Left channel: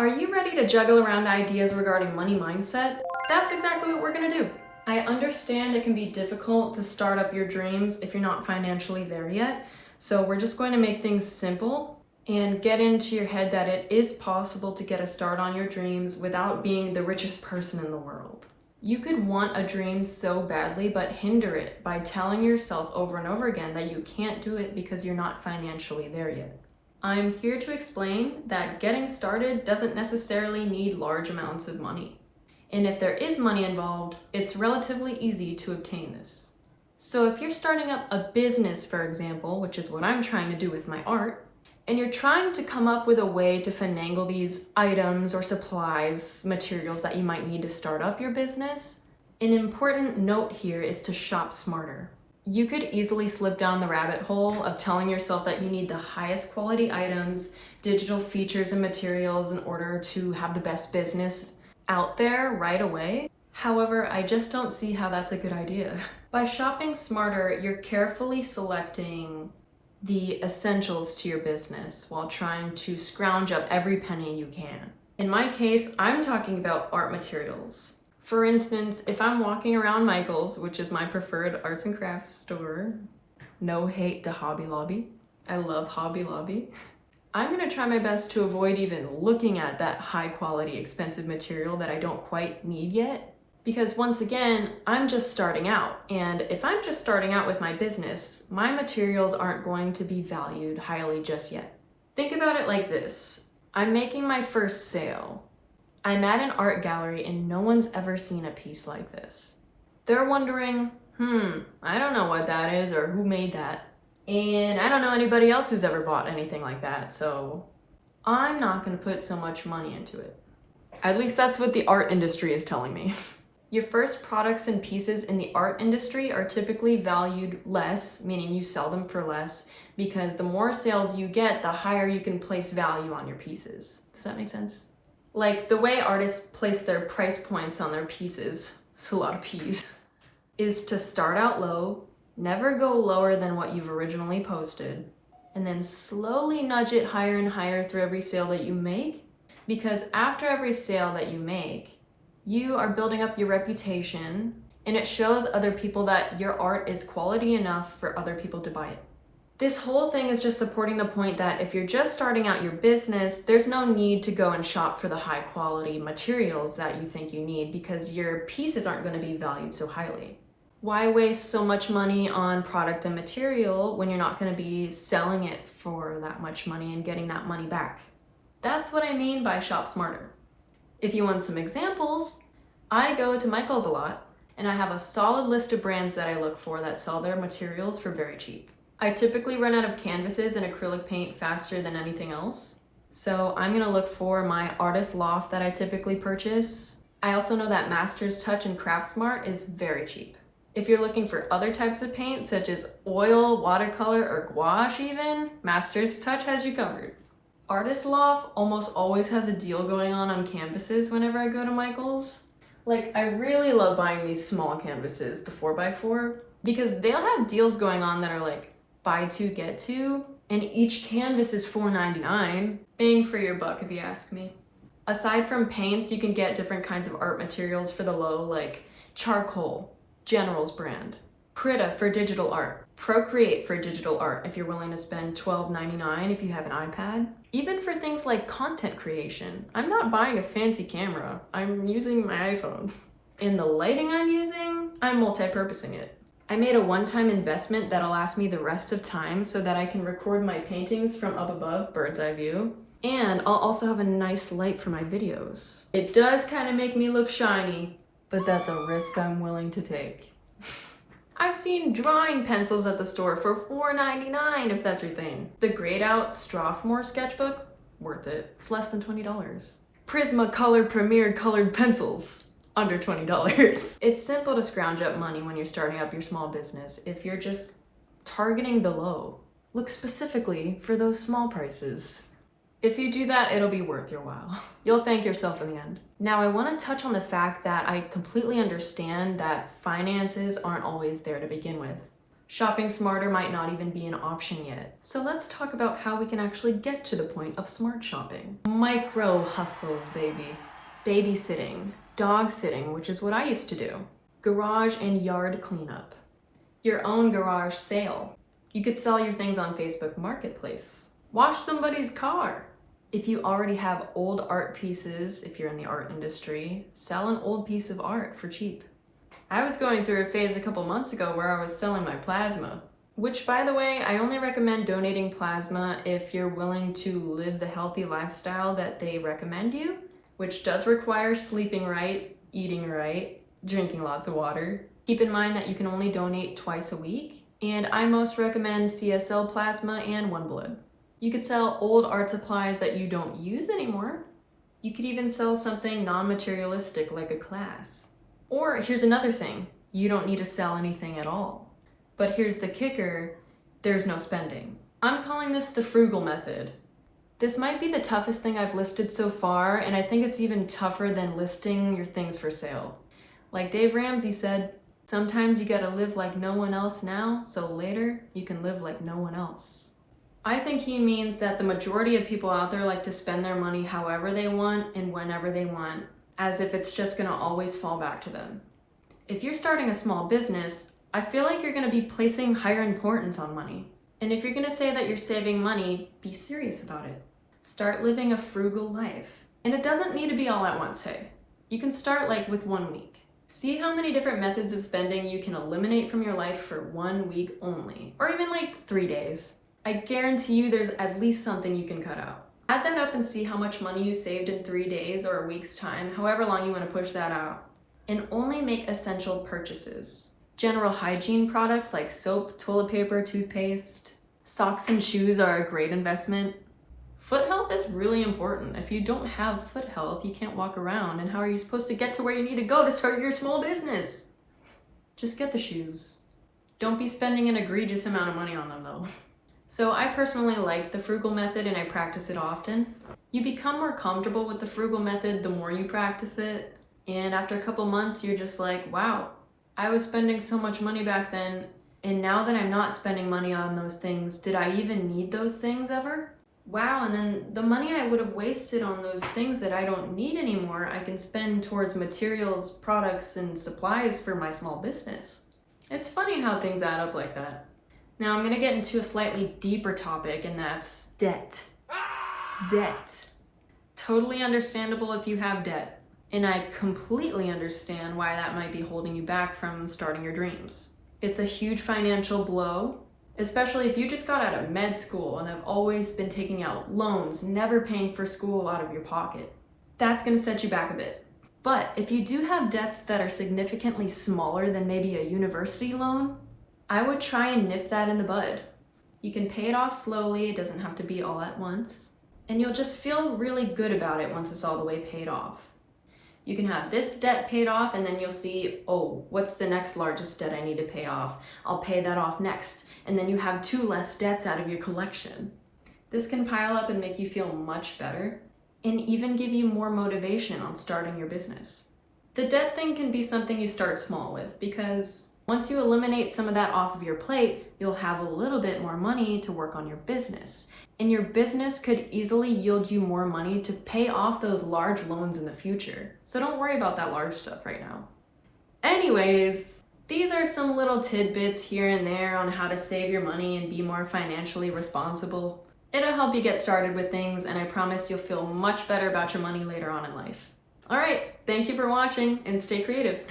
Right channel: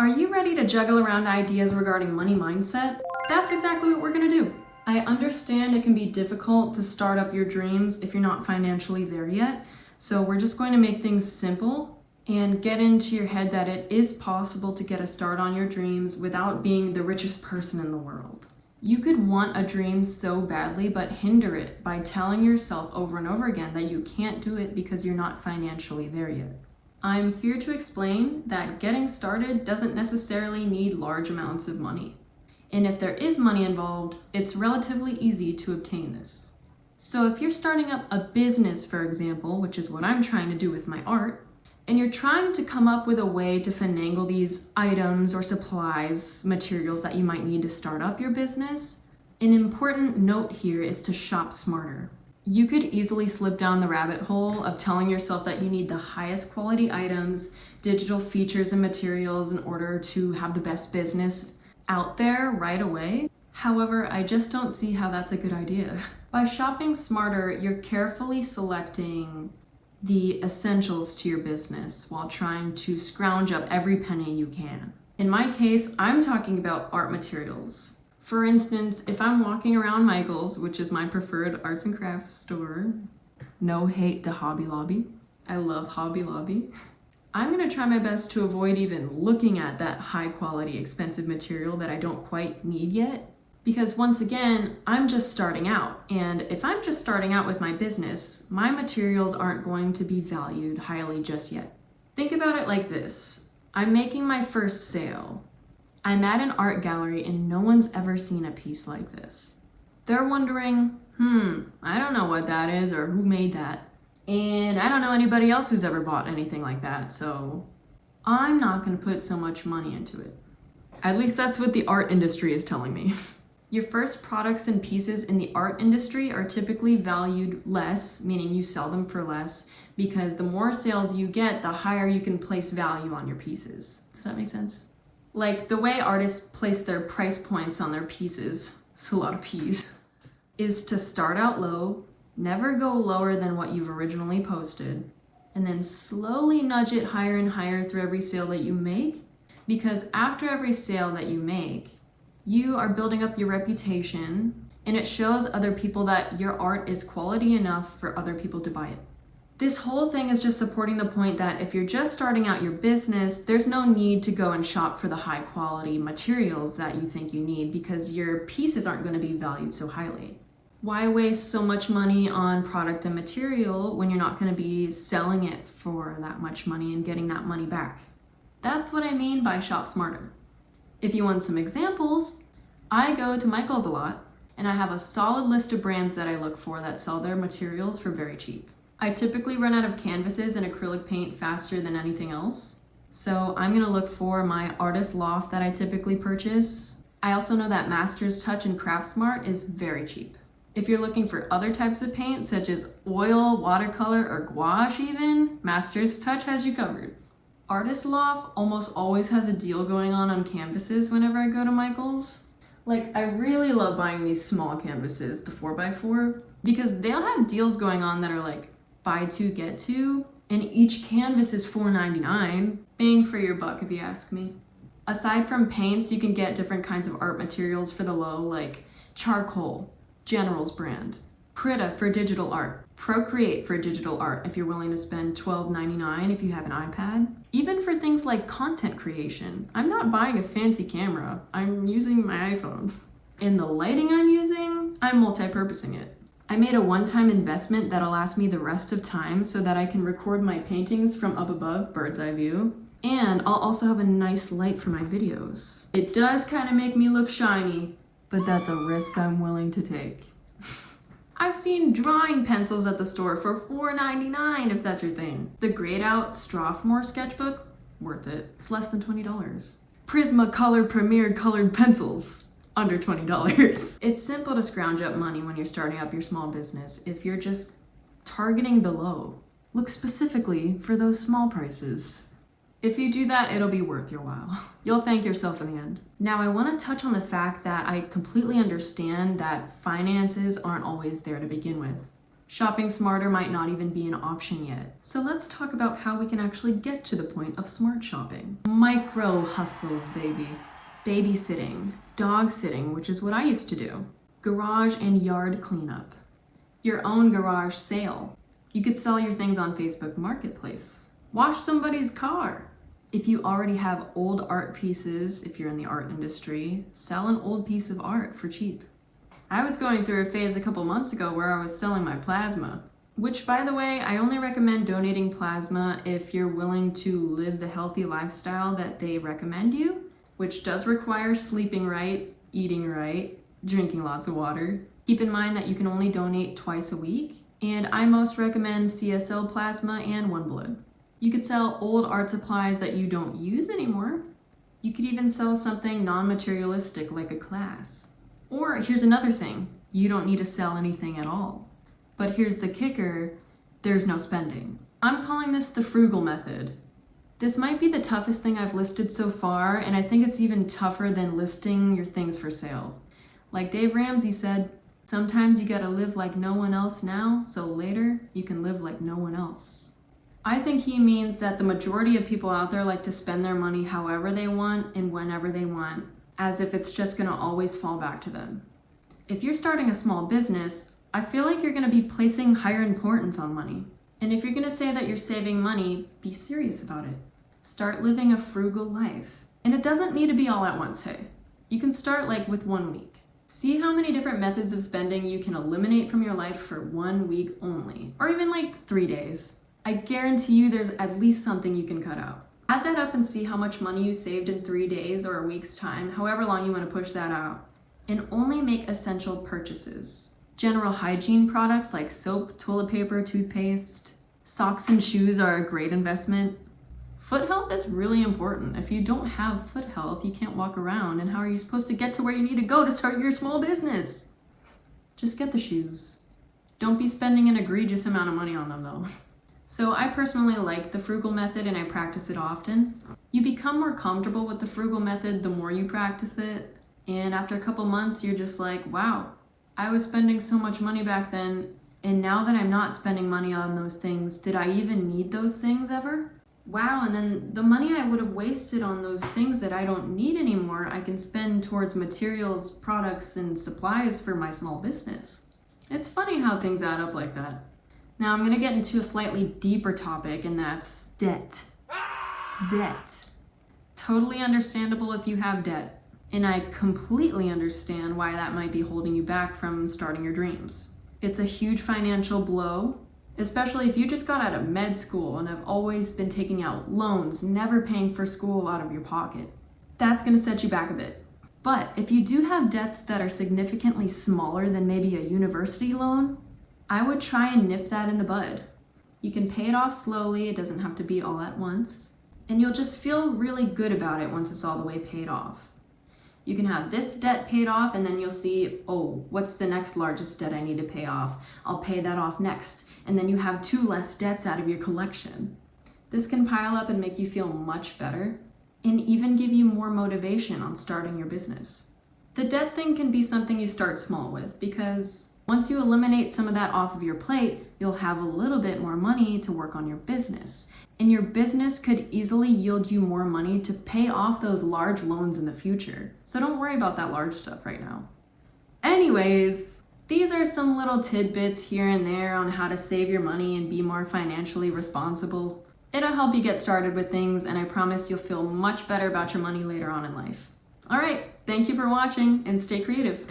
Are you ready to juggle around ideas regarding money mindset? That's exactly what we're gonna do. I understand it can be difficult to start up your dreams if you're not financially there yet, so we're just going to make things simple and get into your head that it is possible to get a start on your dreams without being the richest person in the world. You could want a dream so badly but hinder it by telling yourself over and over again that you can't do it because you're not financially there yet. I'm here to explain that getting started doesn't necessarily need large amounts of money. And if there is money involved, it's relatively easy to obtain this. So if you're starting up a business, for example, which is what I'm trying to do with my art, and you're trying to come up with a way to finagle these items or supplies, materials that you might need to start up your business, an important note here is to shop smarter. You could easily slip down the rabbit hole of telling yourself that you need the highest quality items, digital features and materials in order to have the best business out there right away. However, I just don't see how that's a good idea. By shopping smarter, you're carefully selecting the essentials to your business while trying to scrounge up every penny you can. In my case, I'm talking about art materials. For instance, if I'm walking around Michael's, which is my preferred arts and crafts store, no hate to Hobby Lobby, I love Hobby Lobby, I'm gonna try my best to avoid even looking at that high quality, expensive material that I don't quite need yet. Because once again, I'm just starting out, and if I'm just starting out with my business, my materials aren't going to be valued highly just yet. Think about it like this. I'm making my first sale. I'm at an art gallery and no one's ever seen a piece like this. They're wondering, I don't know what that is or who made that. And I don't know anybody else who's ever bought anything like that, so I'm not gonna put so much money into it. At least that's what the art industry is telling me. Your first products and pieces in the art industry are typically valued less, meaning you sell them for less, because the more sales you get, the higher you can place value on your pieces. Does that make sense? Like the way artists place their price points on their pieces, it's a lot of P's, is to start out low, never go lower than what you've originally posted, and then slowly nudge it higher and higher through every sale that you make. Because after every sale that you make, you are building up your reputation, and it shows other people that your art is quality enough for other people to buy it. This whole thing is just supporting the point that if you're just starting out your business, there's no need to go and shop for the high quality materials that you think you need because your pieces aren't going to be valued so highly. Why waste so much money on product and material when you're not going to be selling it for that much money and getting that money back? That's what I mean by shop smarter. If you want some examples, I go to Michael's a lot, and I have a solid list of brands that I look for that sell their materials for very cheap. I typically run out of canvases and acrylic paint faster than anything else, so I'm gonna look for my Artist Loft that I typically purchase. I also know that Masters Touch and Craftsmart is very cheap. If you're looking for other types of paint, such as oil, watercolor, or gouache even, Masters Touch has you covered. Artist Loft almost always has a deal going on canvases whenever I go to Michael's. Like, I really love buying these small canvases, the 4x4, because they'll have deals going on that are like buy two, get two, and each canvas is $4.99. Bang for your buck, if you ask me. Aside from paints, you can get different kinds of art materials for the low, like charcoal, General's brand, Krita for digital art, Procreate for digital art if you're willing to spend $12.99 if you have an iPad. Even for things like content creation, I'm not buying a fancy camera, I'm using my iPhone. And the lighting I'm using, I'm multi-purposing it. I made a one-time investment that'll last me the rest of time so that I can record my paintings from up above, bird's eye view, and I'll also have a nice light for my videos. It does kind of make me look shiny, but that's a risk I'm willing to take. I've seen drawing pencils at the store for $4.99 if that's your thing. The grayed out Strathmore sketchbook, worth it. It's less than $20. Prismacolor Premier colored pencils, under $20. It's simple to scrounge up money when you're starting up your small business if you're just targeting the low. Look specifically for those small prices. If you do that, it'll be worth your while. You'll thank yourself in the end. Now, I want to touch on the fact that I completely understand that finances aren't always there to begin with. Shopping smarter might not even be an option yet. So let's talk about how we can actually get to the point of smart shopping. Micro hustles, baby. Babysitting, dog sitting, which is what I used to do. Garage and yard cleanup. Your own garage sale. You could sell your things on Facebook Marketplace. Wash somebody's car. If you already have old art pieces, if you're in the art industry, sell an old piece of art for cheap. I was going through a phase a couple months ago where I was selling my plasma, which, by the way, I only recommend donating plasma if you're willing to live the healthy lifestyle that they recommend you, which does require sleeping right, eating right, drinking lots of water. Keep in mind that you can only donate twice a week, and I most recommend CSL plasma and One Blood. You could sell old art supplies that you don't use anymore. You could even sell something non-materialistic like a class. Or here's another thing, you don't need to sell anything at all. But here's the kicker, there's no spending. I'm calling this the frugal method. This might be the toughest thing I've listed so far, and I think it's even tougher than listing your things for sale. Like Dave Ramsey said, sometimes you gotta live like no one else now, so later you can live like no one else. I think he means that the majority of people out there like to spend their money however they want and whenever they want, as if it's just gonna always fall back to them. If you're starting a small business, I feel like you're gonna be placing higher importance on money. And if you're gonna say that you're saving money, be serious about it. Start living a frugal life. And it doesn't need to be all at once, hey. You can start like with 1 week. See how many different methods of spending you can eliminate from your life for 1 week only, or even like 3 days. I guarantee you there's at least something you can cut out. Add that up and see how much money you saved in 3 days or a week's time, however long you want to push that out. And only make essential purchases. General hygiene products like soap, toilet paper, toothpaste, socks and shoes are a great investment. Foot health is really important. If you don't have foot health, you can't walk around, and how are you supposed to get to where you need to go to start your small business? Just get the shoes. Don't be spending an egregious amount of money on them though. So I personally like the frugal method and I practice it often. You become more comfortable with the frugal method the more you practice it. And after a couple months, you're just like, wow, I was spending so much money back then. And now that I'm not spending money on those things, did I even need those things ever? Wow, and then the money I would have wasted on those things that I don't need anymore, I can spend towards materials, products, and supplies for my small business. It's funny how things add up like that. Now I'm gonna get into a slightly deeper topic, and that's debt. Debt. Totally understandable if you have debt. And I completely understand why that might be holding you back from starting your dreams. It's a huge financial blow, especially if you just got out of med school and have always been taking out loans, never paying for school out of your pocket. That's gonna set you back a bit. But if you do have debts that are significantly smaller than maybe a university loan, I would try and nip that in the bud. You can pay it off slowly, it doesn't have to be all at once, and you'll just feel really good about it once it's all the way paid off. You can have this debt paid off and then you'll see, oh, what's the next largest debt I need to pay off? I'll pay that off next. And then you have 2 less debts out of your collection. This can pile up and make you feel much better and even give you more motivation on starting your business. The debt thing can be something you start small with because once you eliminate some of that off of your plate, you'll have a little bit more money to work on your business. And your business could easily yield you more money to pay off those large loans in the future. So don't worry about that large stuff right now. Anyways, these are some little tidbits here and there on how to save your money and be more financially responsible. It'll help you get started with things, and I promise you'll feel much better about your money later on in life. All right, thank you for watching and stay creative.